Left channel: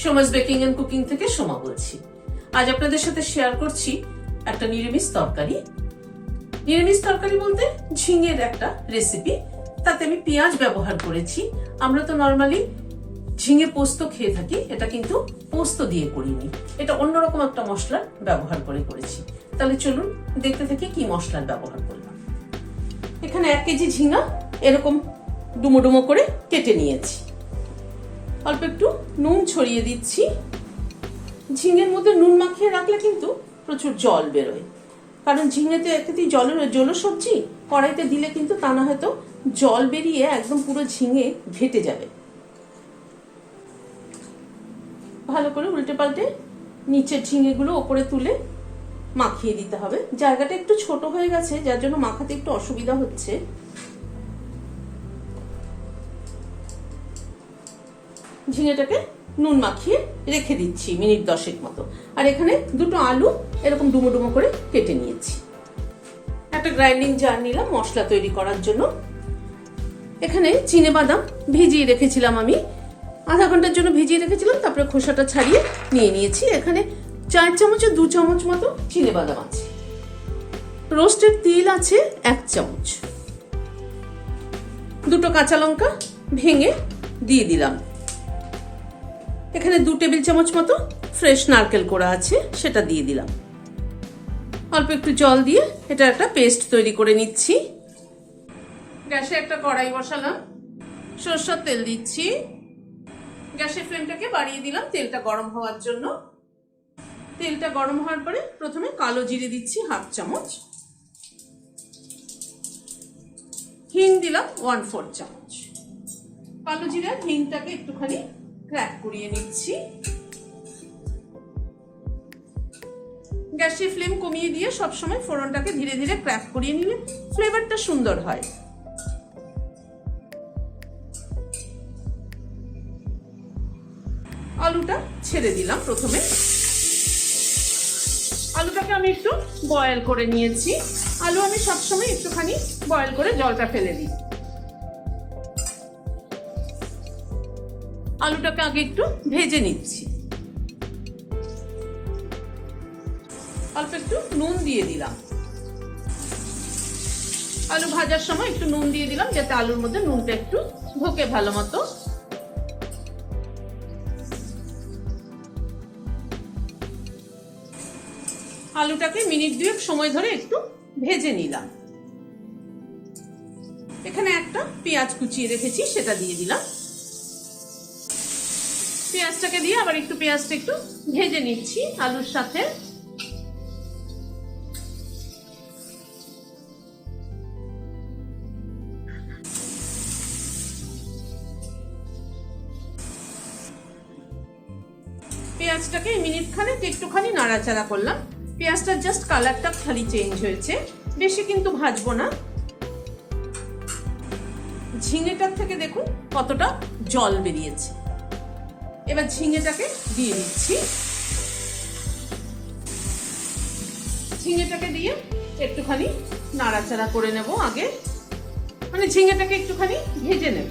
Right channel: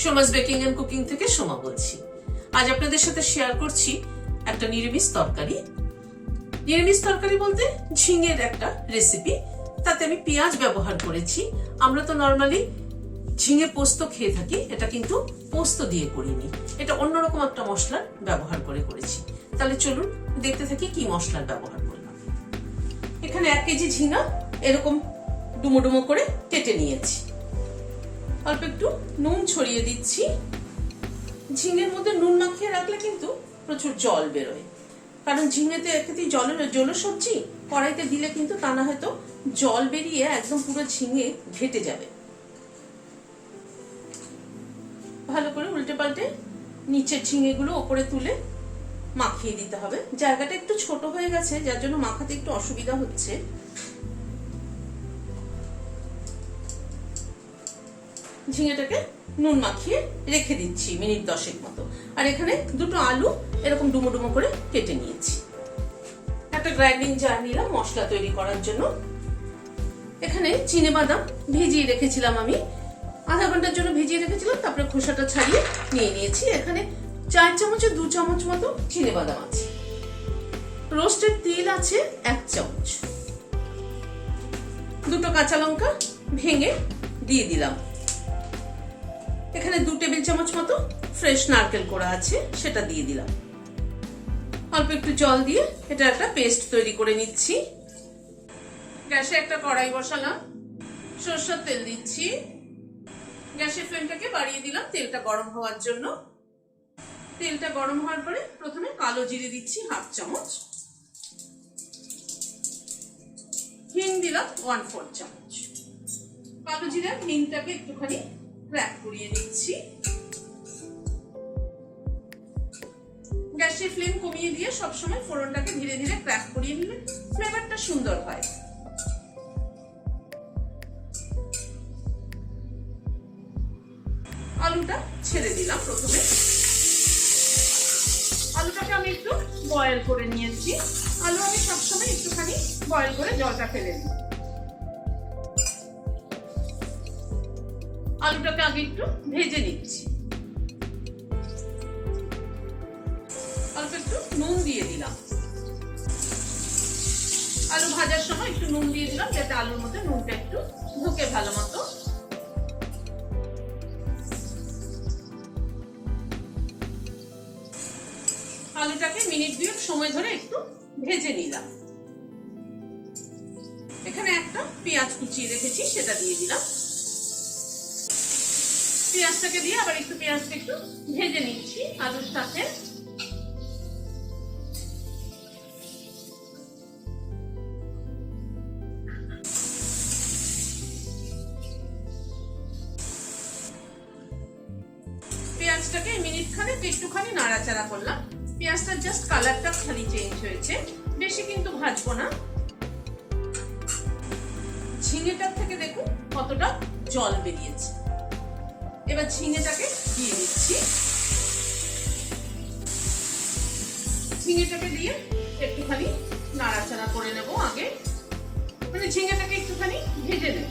Soma's baking and cooking থেকে সোমা বলছি। আজ আপনাদের সাথে শেয়ার করছি একটা নিরামিষ তরকারি। নিরামিষ তরকারি বলতে ঝিঙের একটা রেসিপি। তাতে আমি পেঁয়াজ ব্যবহার করেছি। আমরা তো নর্মালি ঝিঙে পোস্ত খেয়ে থাকি, এটা কিন্তু পোস্ত দিয়ে করিনি, এটা অন্যরকম একটা মশলা ব্যবহার করে করেছি। তাহলে চলুন দেখতে থাকি কি মশলার ব্যবহার করলাম। এখানে 1 কেজি ঝিঙা এরকম ডুমো ডুমো করে কেটে নিয়েছি। অল্প একটু নুন ছড়িয়ে দিচ্ছি। ঝিঙের মধ্যে নুন মাখিয়ে রাখলে কিন্তু প্রচুর জল বেরোয়, কারণ ঝিঙেতে একেতেই জল সবজি, কড়াইতে দিলে কিন্তু তা না হয়তো জল বেরিয়ে একদম পুরো ঝিঙে ঘেটে যাবে। ভালো করে উল্টে পাল্টে নিচের ঝিঙেগুলো ওপরে তুলে মাখিয়ে দিতে হবে। জায়গাটা একটু ছোট হয়ে গেছে, যার জন্য মাখাতে একটু অসুবিধা হচ্ছে। ঝিঙেটাকে নুন মাখিয়ে রেখে দিচ্ছি মিনিট 10 মতো। আর এখানে দুটো আলু এরকম ডুমো ডুমো করে কেটে নিয়েছি। একটা গ্রাইন্ডিং জার নিলাম মশলা তৈরি করার জন্য। এখানে চিনেবাদাম ভিজিয়ে রেখেছিলাম, আমি আধা ঘন্টার জন্য ভিজিয়ে রেখেছিলাম, তারপরে খোসাটা ছাড়িয়ে নিয়ে নিয়েছি। এখানে 4 চামচে 2 চামচ মতো চিনেবাদাম আছে। রোস্টেড তিল আছে 1 চামচ। দুটো কাঁচা লঙ্কা ভেঙে দিয়ে দিলাম। এখানে 2 টেবিল চামচ মতো ফ্রেশ নারকেল কোড়া আছে, সেটা দিয়ে দিলাম। অল্প একটু জল দিয়ে এটা একটা পেস্ট তৈরি করে নিচ্ছি। গ্যাসে একটা কড়াই বসালাম, সরষের তেল দিচ্ছি। গ্যাসের ফ্লেমটাকে বাড়িয়ে দিলাম তেলটা গরম হওয়ার জন্য। তেলটা গরম হওয়ার পরে প্রথমে কালো জিরে দিচ্ছি 1/2 চামচ। হিং দিলাম 1/4 চামচ। কালো জিরে আর হিংটাকে একটুখানি ক্র্যাক করিয়ে নিচ্ছি। গ্যাসের ফ্লেম কমিয়ে দিয়ে সবসময় ফোড়নটাকে ধীরে ধীরে ক্র্যাক করিয়ে নিলে ফ্লেভারটা সুন্দর হয়। আলুটা ছেড়ে দিলাম। প্রথমে আলুটাকে আমি একটু বয়েল করে নিয়েছি। আলু আমি সবসময় একটুখানি বয়েল করে জলটা ফেলে দিই। আলুটাকে আগে একটু ভেজে নিচ্ছি। অল্প একটু নুন দিয়ে দিলাম। আলু ভাজার সময় একটু নুন দিয়ে দিলাম, যাতে আলুর মধ্যে নুনটা একটু ঢোকে ভালো মতো। আলুটাকে মিনিট 2 সময় ধরে একটু ভেজে নিলাম। এখানে একটা পেঁয়াজ কুচিয়ে রেখেছি, সেটা দিয়ে দিলাম। পেঁয়াজটাকে দিয়ে আবার একটু পেঁয়াজটা একটু ভেজে নিচ্ছি আলুর সাথে। পেঁয়াজটাকে মিনিট খানেক একটুখানি নাড়াচাড়া করলাম। পেঁয়াজটার জাস্ট কালারটা খালি চেঞ্জ হয়েছে, বেশি কিন্তু ভাজবো না। ঝিঙেটার থেকে দেখুন কতটা জল বেরিয়েছে। এবার ঝিঙেটাকে দিয়ে দিচ্ছি। ঝিঙেটাকে দিয়ে একটুখানি নাড়াচাড়া করে নেব আগে, মানে ঝিঙেটাকে একটুখানি ভেজে নেব।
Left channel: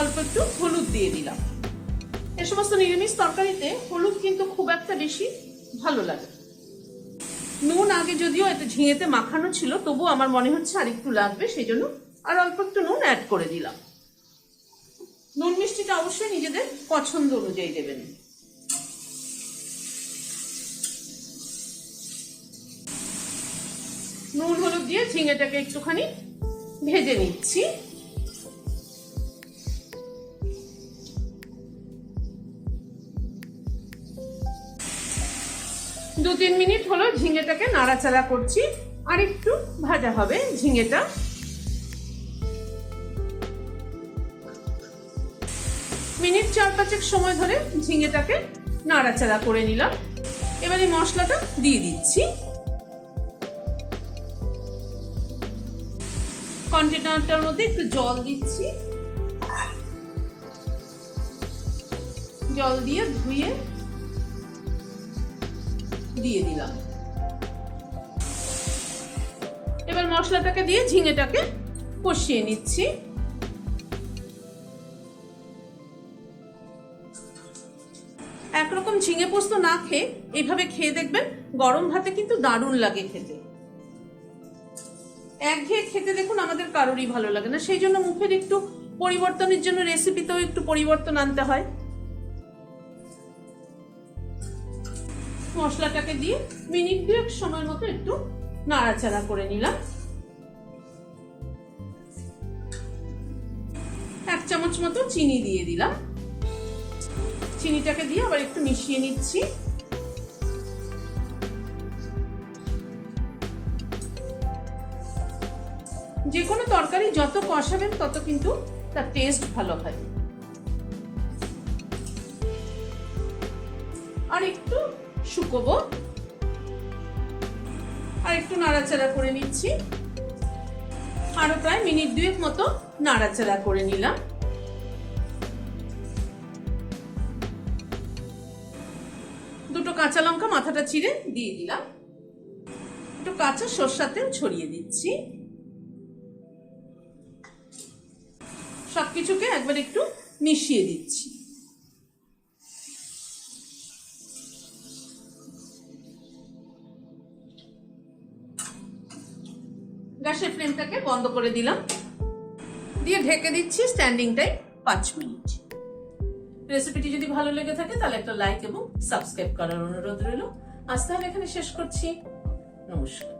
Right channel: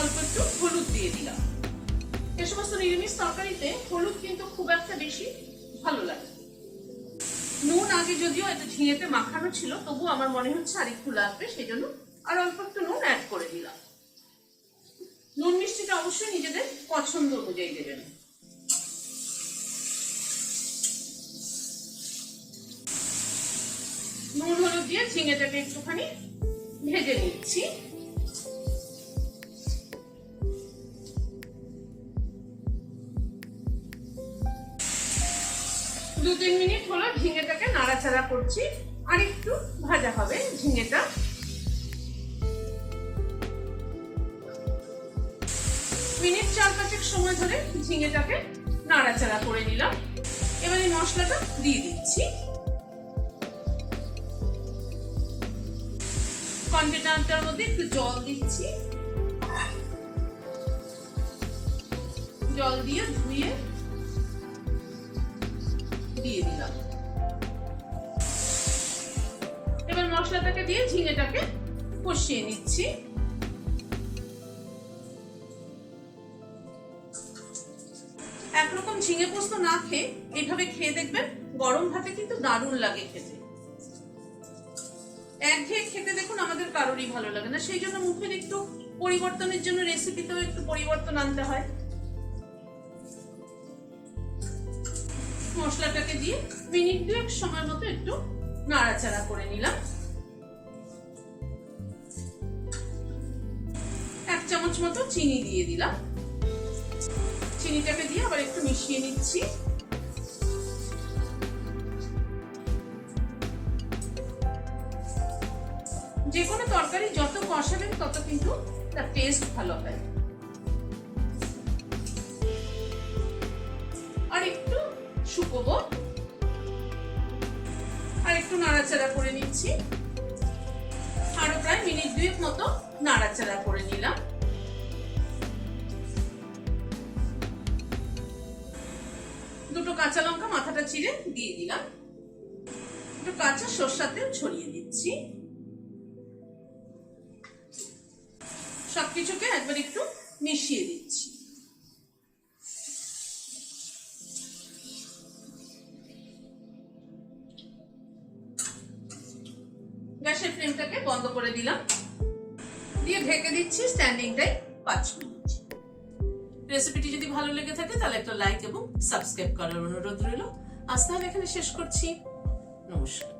অল্প একটু হলুদ দিয়ে দিলাম। এ সমস্ত নিরামিষ তরকারিতে হলুদ কিন্তু খুব একটা বেশি ভালো লাগে। নুন আগে যদিও এত ঝিঙেতে মাখানো ছিল, তবু আমার মনে হচ্ছে আর একটু লাগবে, সেই জন্য আর অল্প একটু নুন অ্যাড করে দিলাম। নুন মিষ্টিটা অবশ্যই নিজেদের পছন্দ অনুযায়ী দেবেন। নুন হলুদ দিয়ে ঝিঙেটাকে একটুখানি ভেজে নিচ্ছি। দু 3 মিনিট হলো ঝিঙেটাকে নাড়াচাড়া করছি, আর একটু ভাজা হবে ঝিঙেটা। মিনিট 4-5 সময় ধরে ঝিঙেটাকে নাড়াচাড়া করে নিলাম। এবার এই মশলাটা দিয়ে দিচ্ছি। কন্টেনারটার মধ্যে একটু জল দিচ্ছি। জল দিয়ে ধুয়ে দিয়ে দিলাম। এবার মশলাটাকে দিয়ে ঝিঙেটাকে কষিয়ে নিচ্ছি। একরকম ঝিঙে পোস্ত না খেয়ে এইভাবে খেয়ে দেখবেন, গরম ভাতে কিন্তু দারুণ লাগে খেতে। একঘেয়ে খেতে দেখুন আমাদের কারোরই ভালো লাগে না, সেই জন্য মুখের একটু পরিবর্তনের জন্য রেসিপিতেও একটু পরিবর্তন আনতে হয়। মশলাটাকে দিয়ে মিনিট 2 সময় মতো একটু নাড়াচাড়া করে নিলাম। 1 চামচ মতো চিনি দিয়ে দিলাম। চিনিটাকে দিয়ে আবার একটু মিশিয়ে নিচ্ছি। যে কোনো তরকারি যত কষাবেন তত কিন্তু তার টেস্ট ভালো হয়। আর একটু শুকোবো, আর একটু নাড়াচাড়া করে নিচ্ছি। আরো প্রায় মিনিট 2 মতো নাড়াচাড়া করে নিলাম। দুটো কাঁচা লঙ্কা মাথাটা চিড়ে দিয়ে দিলাম। একটু কাঁচা সরষের তেল ছড়িয়ে দিচ্ছি। সবকিছুকে একবার একটু মিশিয়ে দিচ্ছি। গ্যাসের ফ্লেমটাকে বন্ধ করে দিলাম, দিয়ে ঢেকে দিচ্ছি স্ট্যান্ডিং টাইম 5 মিনিট। রেসিপিটি যদি ভালো লেগে থাকে তাহলে একটা লাইক এবং সাবস্ক্রাইব করার অনুরোধ রইল। আজ তাহলে এখানে শেষ করছি। নমস্কার।